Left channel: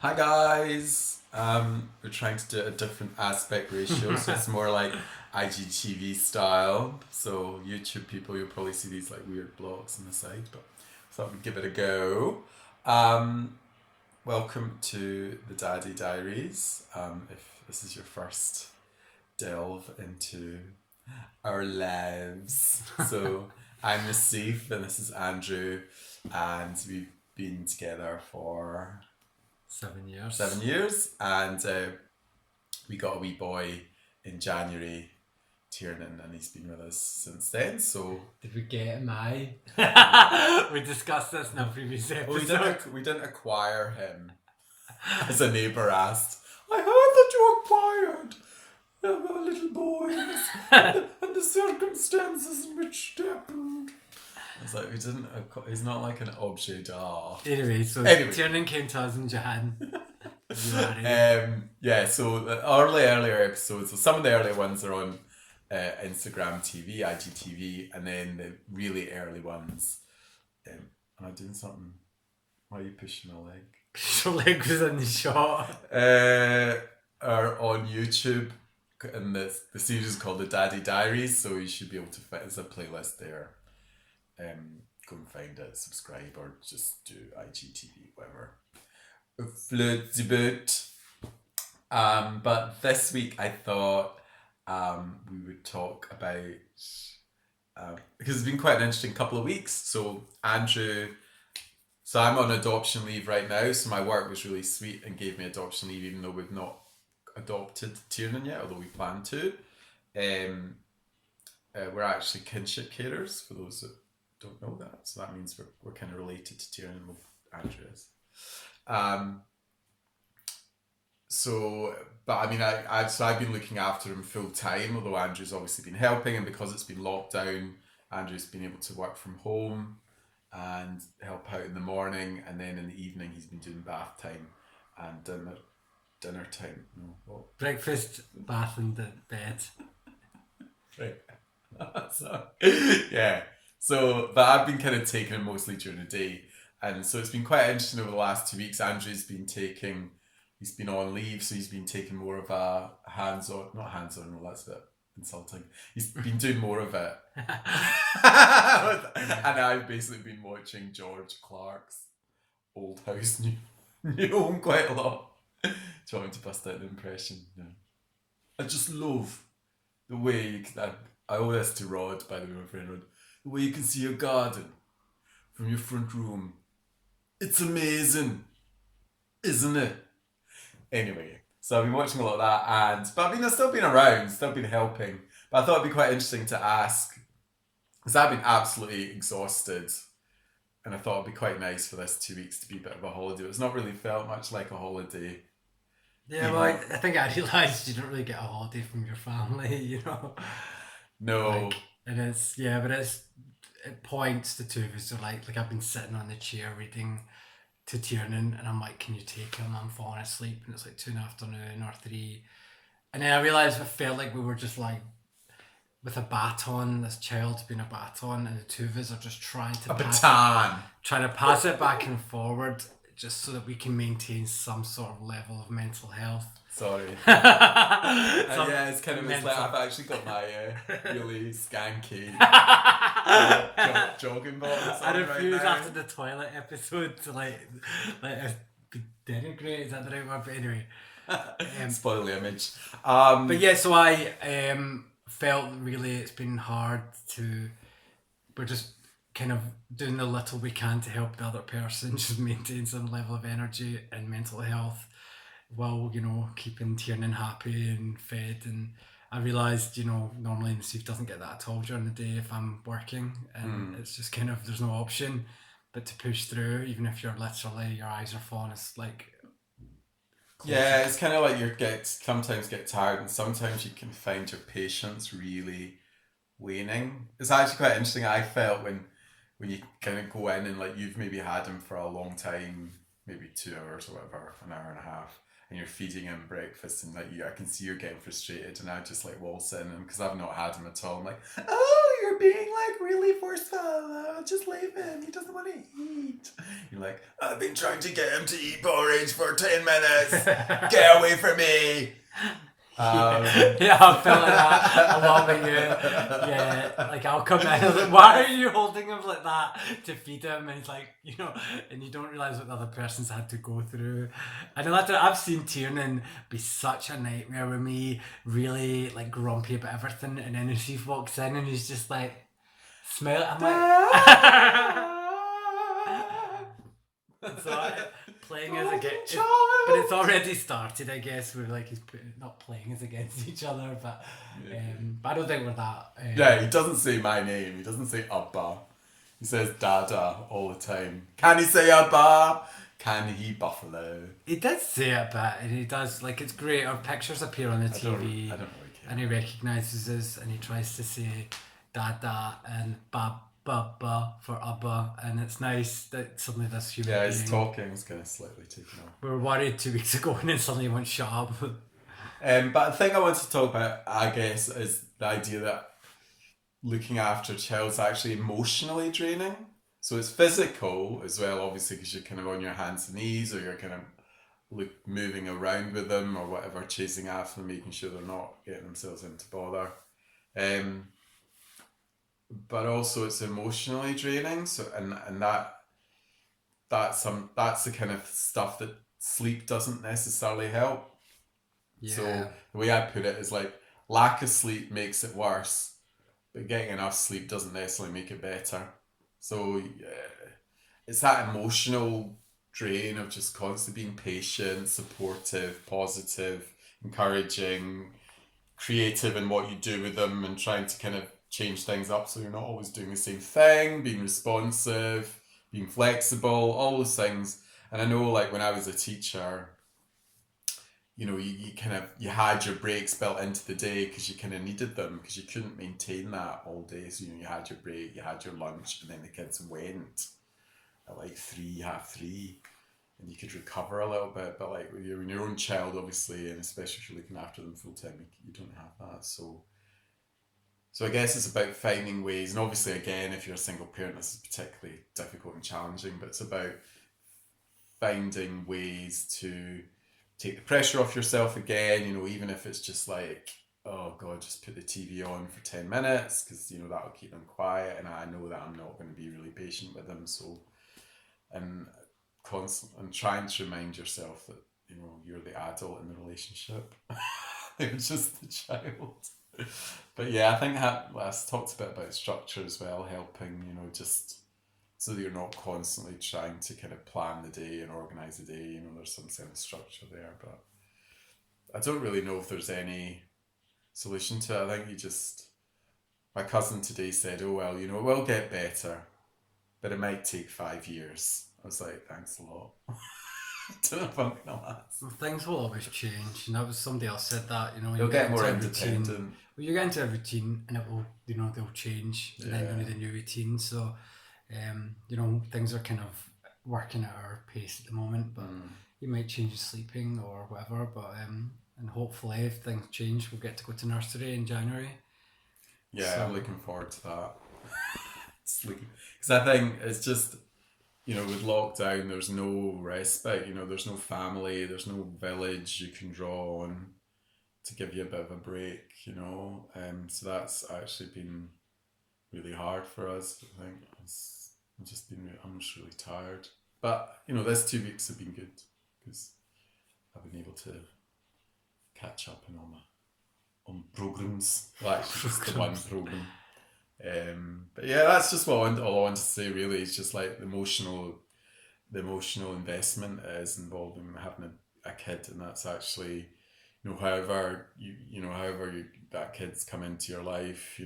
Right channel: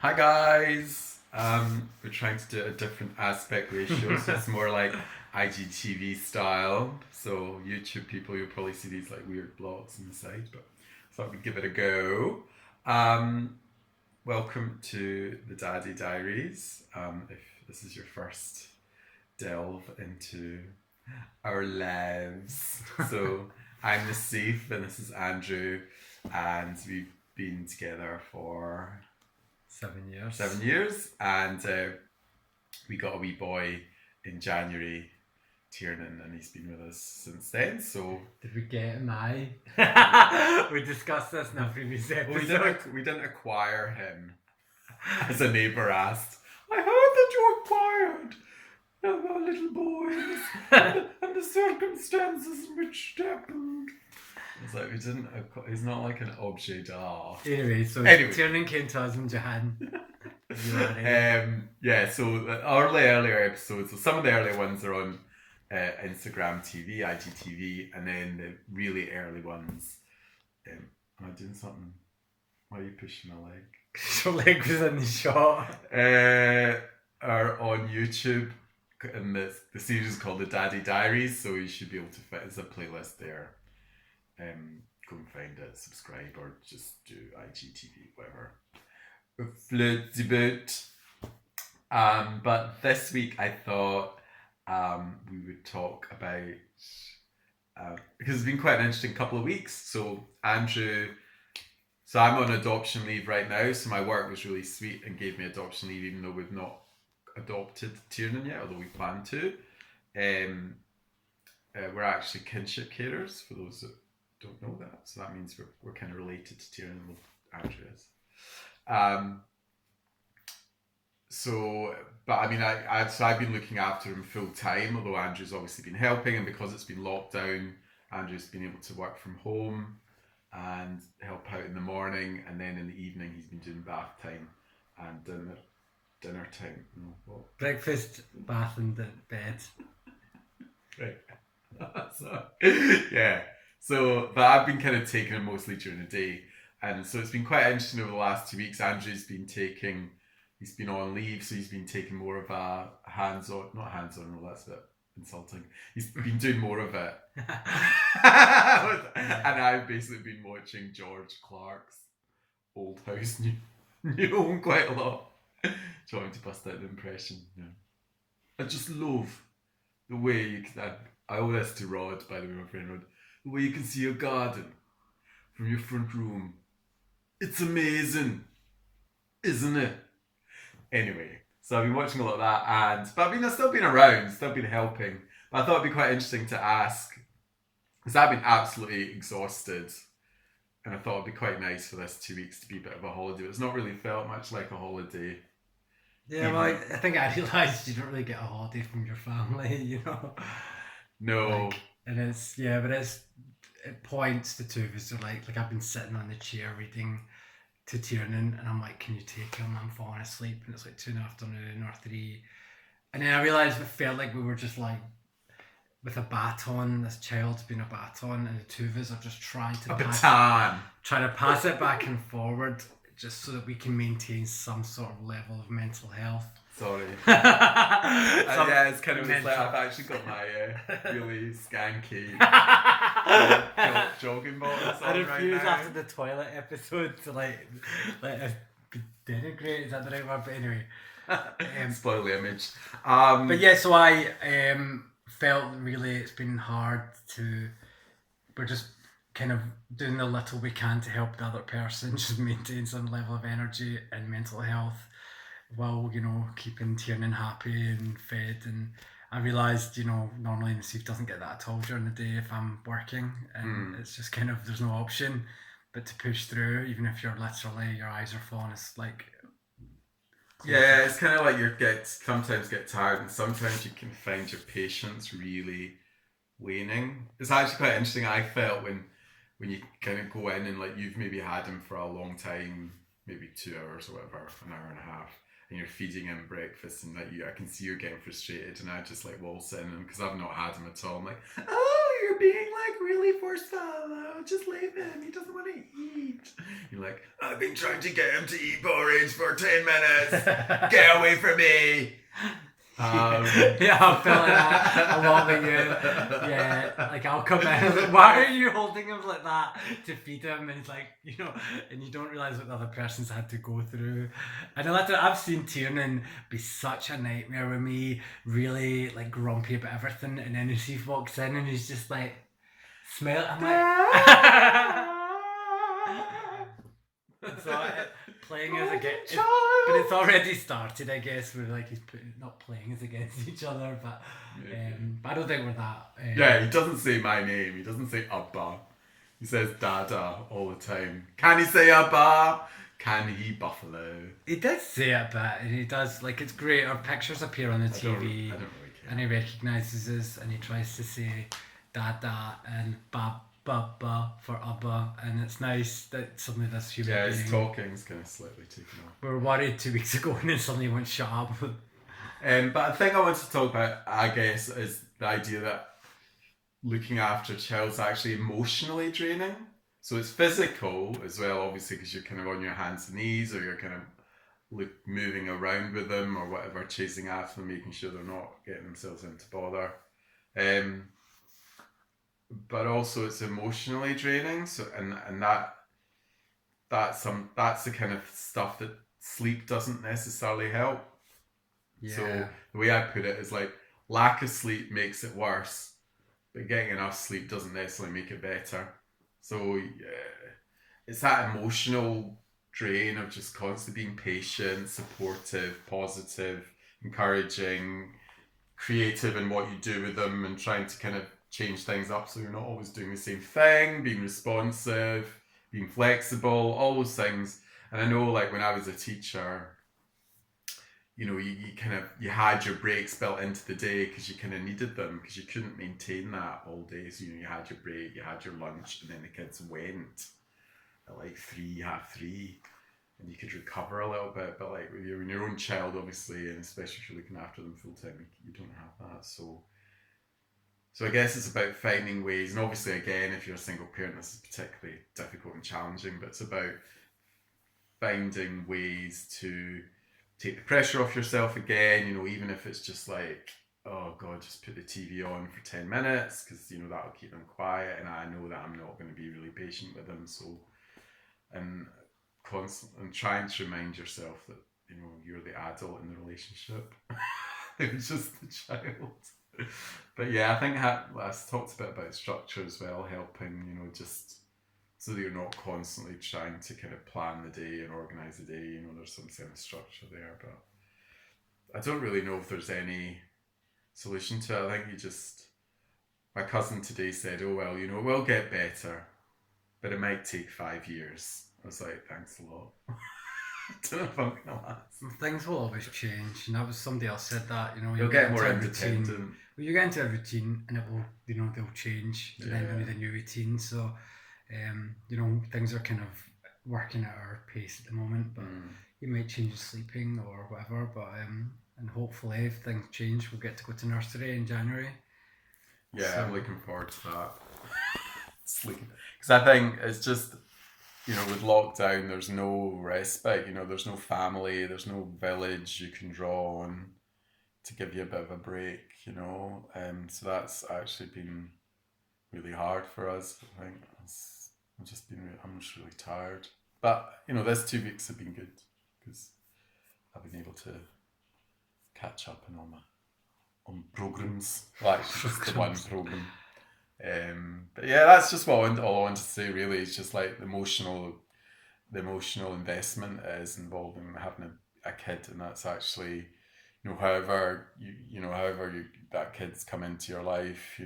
Hi guys. We're trying to do a different aspect ratio, so it's more like IGTV style. So YouTube people, you'll probably see these like weird blocks on the side, but thought we'd give it a go. Um, Welcome to the Daddy Diaries. If this is your first delve into our lives, so I'm Nassif and this is Andrew, and we've been together for 7 years. 7 years, and we got a wee boy in January, Tiernan, and he's been with us since then. So Did we get him? We discussed this in a previous episode. we didn't acquire him, as a neighbour asked. I heard that you acquired a little boy, and the circumstances in which it happened. It's like we didn't. He's not like an objet d'art. Anyway, Tiernan came to us in Japan. So the earlier episodes, so some of the earlier ones are on Instagram TV, IGTV, and then the really early ones. Am I doing something? Why are you pushing my leg? Your leg was in the shot. Are on YouTube, and the series is called the Daddy Diaries, so you should be able to find. There's a playlist there. Go and find it, subscribe, or just do IGTV, whatever floats your boat. But this week I thought we would talk about because it's been quite an interesting couple of weeks. So I'm on adoption leave right now, so my work was really sweet and gave me adoption leave, even though we've not adopted Tiernan yet, although we plan to. We're actually kinship carers, for those that don't know that. So that means we're kind of related to Tiernan. Well, Andrew is. I've been looking after him full time, although Andrew's obviously been helping, and because it's been locked down, Andrew's been able to work from home and help out in the morning, and then in the evening he's been doing bath time and dinner time. No, what? Breakfast, bath, and bed. Right. Yeah. So, but I've been kind of taking him mostly during the day. And so it's been quite interesting over the last 2 weeks. Andrew's been he's been on leave, so he's been taking more of a not hands-on, no, that's a bit insulting. He's been doing more of it. And I've basically been watching George Clark's Old House, New Home quite a lot. Do you want me to bust out the impression? No. I just love the way you can... I owe this to Rod, by the way, my friend Rod. The way you can see your garden from your front room. It's amazing, isn't it? Anyway, so I've been watching a lot of that, but I've still been around, still been helping. But I thought it'd be quite interesting to ask, because I've been absolutely exhausted, and I thought it'd be quite nice for this 2 weeks to be a bit of a holiday. It's not really felt much like a holiday. Yeah, well, I think I realised you don't really get a holiday from your family, you know. No. It points the two of us are like I've been sitting on the chair reading to Tiernan, and I'm like, can you take him? I'm falling asleep, and it's like 2 PM or 3, and then I realised it felt like we were just like with a baton, this child's been a baton, and the two of us are just trying to pass it back and forward, just so that we can maintain some sort of level of mental health. Sorry. Yeah, it's kind of like I've actually got my really skanky jogging bottoms on I refuse right now. after the toilet episode to like denigrate. Is that the right word? But anyway, spoil the image. But yeah, so I felt really it's been hard to. We're just kind of doing the little we can to help the other person just maintain some level of energy and mental health, while, you know, keeping Tiernan happy and fed. And I realised, you know, normally Nassif doesn't get that at all during the day if I'm working, and it's just kind of, there's no option but to push through, even if you're literally, your eyes are falling. It's like yeah, it's kind of like sometimes get tired, and sometimes you can find your patience really waning. It's actually quite interesting. I felt when you kind of go in and like you've maybe had him for a long time, maybe 2 hours or whatever, an hour and a half, and you're feeding him breakfast, and like I can see you're getting frustrated, and I just like waltz in, and because I've not had him at all, I'm like, oh, you're you're being like really forceful. Just leave him. He doesn't want to eat. You're like, I've been trying to get him to eat porridge for 10 minutes. Get away from me. Yeah, I felt like that a lot with you. Yeah, like I'll come in and like, why are you holding him like that to feed him? And he's like, and you don't realise what the other person's had to go through. And I've seen Tiernan be such a nightmare with me, really like grumpy about everything. And then she walks in and he's just like, smell it. I'm like, so playing as against, but it's already started, I guess. With like he's not playing as against each other, but I don't think we're that. Yeah, he doesn't say my name. He doesn't say Abba. He says Dada all the time. Can he say Abba? Can he buffalo? He does say it, but he does like it's great. Our pictures appear on the TV, I don't really care. And he recognises us, and he tries to say Dada and Ba for Abba, and it's nice that suddenly this human being. Yeah, his talking's kind of slightly taken off. We were worried 2 weeks ago, and then suddenly he went shut up. But the thing I want to talk about, I guess, is the idea that looking after a child's actually emotionally draining. So it's physical as well, obviously, because you're kind of on your hands and knees, or you're kind of moving around with them or whatever, chasing after them, making sure they're not getting themselves into bother. But also it's emotionally draining. So and that's the kind of stuff that sleep doesn't necessarily help. Yeah. So the way I put it is like lack of sleep makes it worse, but getting enough sleep doesn't necessarily make it better. So it's that emotional drain of just constantly being patient, supportive, positive, encouraging, creative in what you do with them, and trying to kind of change things up so you're not always doing the same thing, being responsive, being flexible, all those things. And I know like when I was a teacher, you had your breaks built into the day because you kind of needed them, because you couldn't maintain that all day. So you had your break, you had your lunch, and then the kids went at like 3:30, and you could recover a little bit. But like when you're your own child, obviously, and especially if you're looking after them full time, you don't have that. So I guess it's about finding ways, and obviously again, if you're a single parent, this is particularly difficult and challenging, but it's about finding ways to take the pressure off yourself again, even if it's just like, oh God, just put the TV on for 10 minutes, because, that'll keep them quiet, and I know that I'm not going to be really patient with them, so, and trying to remind yourself that, you're the adult in the relationship. It's just the child. But yeah, I think I talked a bit about structure as well, helping, just so that you're not constantly trying to kind of plan the day and organise the day. There's some kind of structure there, but I don't really know if there's any solution to it. I think my cousin today said, oh, well, it will get better, but it might take 5 years. I was like, thanks a lot. I don't know if I'm going to last. Things will always change. That was somebody else said that. You'll get more independent. You get into a routine, and it will, they'll change, and then you need a new routine. So, things are kind of working at our pace at the moment, but you might change your sleeping or whatever. But and hopefully, if things change, we'll get to go to nursery in January. Yeah, so I'm looking forward to that. Because I think it's just, with lockdown, there's no respite. There's no family, there's no village you can draw on to give you a bit of a break. So that's actually been really hard for us. I think I'm just really tired. But this 2 weeks have been good because I've been able to catch up on programs. Well, actually, just the one program. But yeah, that's just all I wanted to say. Really, it's just like the emotional investment is involved in having a kid, and that's actually, however that kid's come into your life,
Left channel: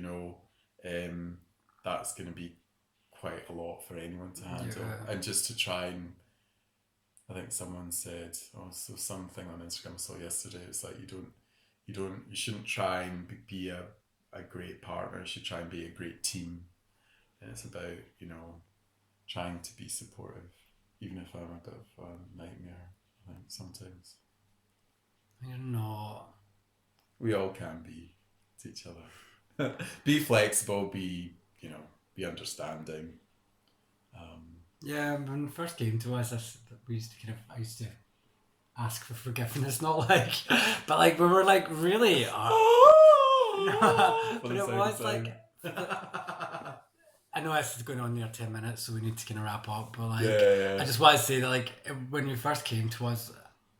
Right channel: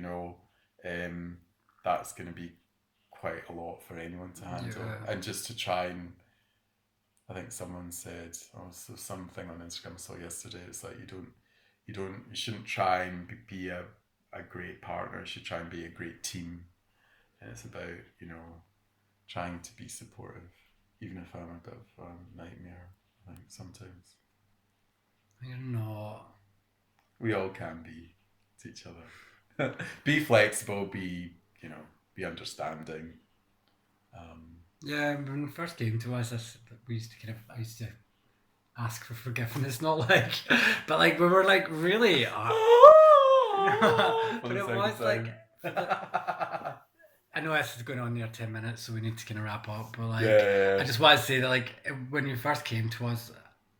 that's going to be quite a lot for anyone to handle. Yeah. And just to try and, I think someone said, so something on Instagram I saw yesterday, it's like you shouldn't try and be a great partner, you should try and be a great team. And it's about, trying to be supportive, even if I'm a bit of a nightmare, I think, sometimes. You're not. We all can be to each other. Be flexible, be be understanding. Yeah, when it first came to us, I used to ask for forgiveness, not like, but like we were like really, but it was like, I know this is going on near 10 minutes, so we need to kind of wrap up, but like, I just want to say that like, when you first came to us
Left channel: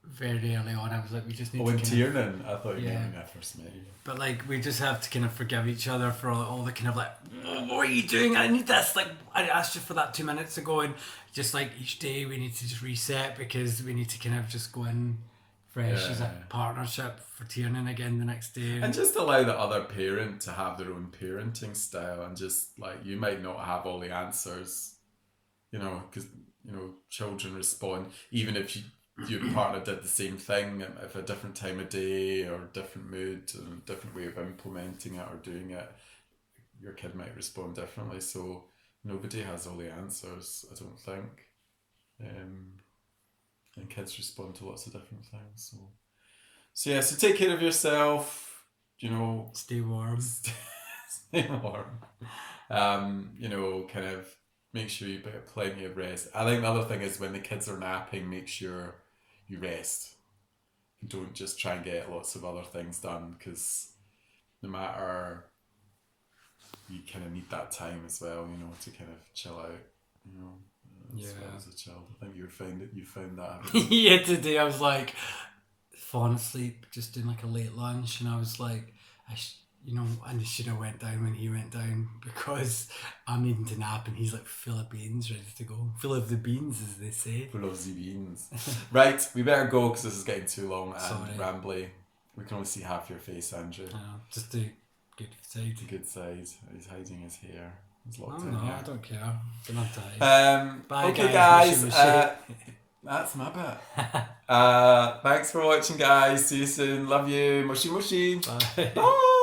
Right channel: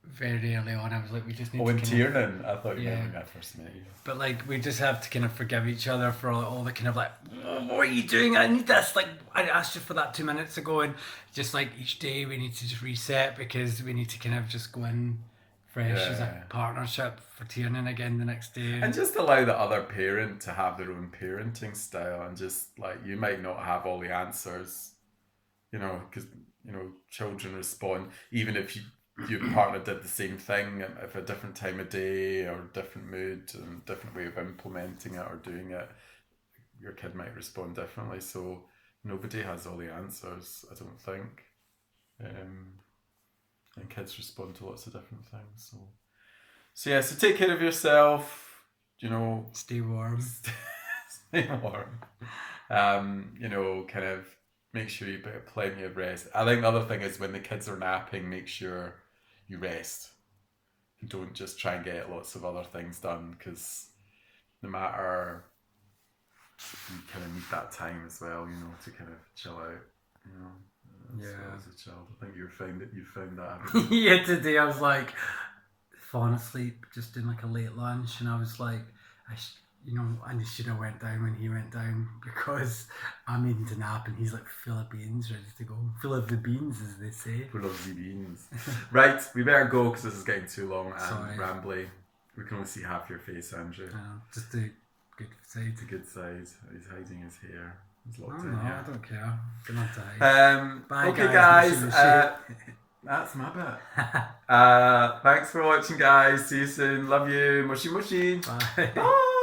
very early on, I was like, we just need to in Tiernan, I thought you meant when I first met you. But like, we just have to kind of forgive each other for all the kind of like, what are you doing? I need this. Like, I asked you for that 2 minutes ago, and just like each day we need to just reset because we need to kind of just go in fresh as a partnership for Tiernan again the next day. And just allow the other parent to have their own parenting style, and just like, you might not have all the answers, because, children respond, even if your partner did the same thing at a different time of day or different mood and different way of implementing it or doing it, your kid might respond differently. So nobody has all the answers, I don't think. And kids respond to lots of different things. So take care of yourself, Stay warm. Stay warm. Kind of make sure you get plenty of rest. I think the other thing is, when the kids are napping, make sure you rest. And don't just try and get lots of other things done, because no matter, you kind of need that time as well, to kind of chill out, as well as a child. I think you found that. Yeah, today I was like falling asleep, just doing like a late lunch, and I was like, I should have went down when he went down, because I'm needing to nap and he's like full of beans, ready to go. Full of the beans, as they say. Full of the beans. Right, we better go because this is getting too long and rambly. We can only see half your face, Andrew. I know, just the good side. The good side. He's hiding his hair. He's locked Oh in no, here. I don't care. Don't have to hide. Bye, Okay, guys. Mushy. That's my bit. Thanks for watching, guys. See you soon. Love you. Mushy mushy. Bye. Bye.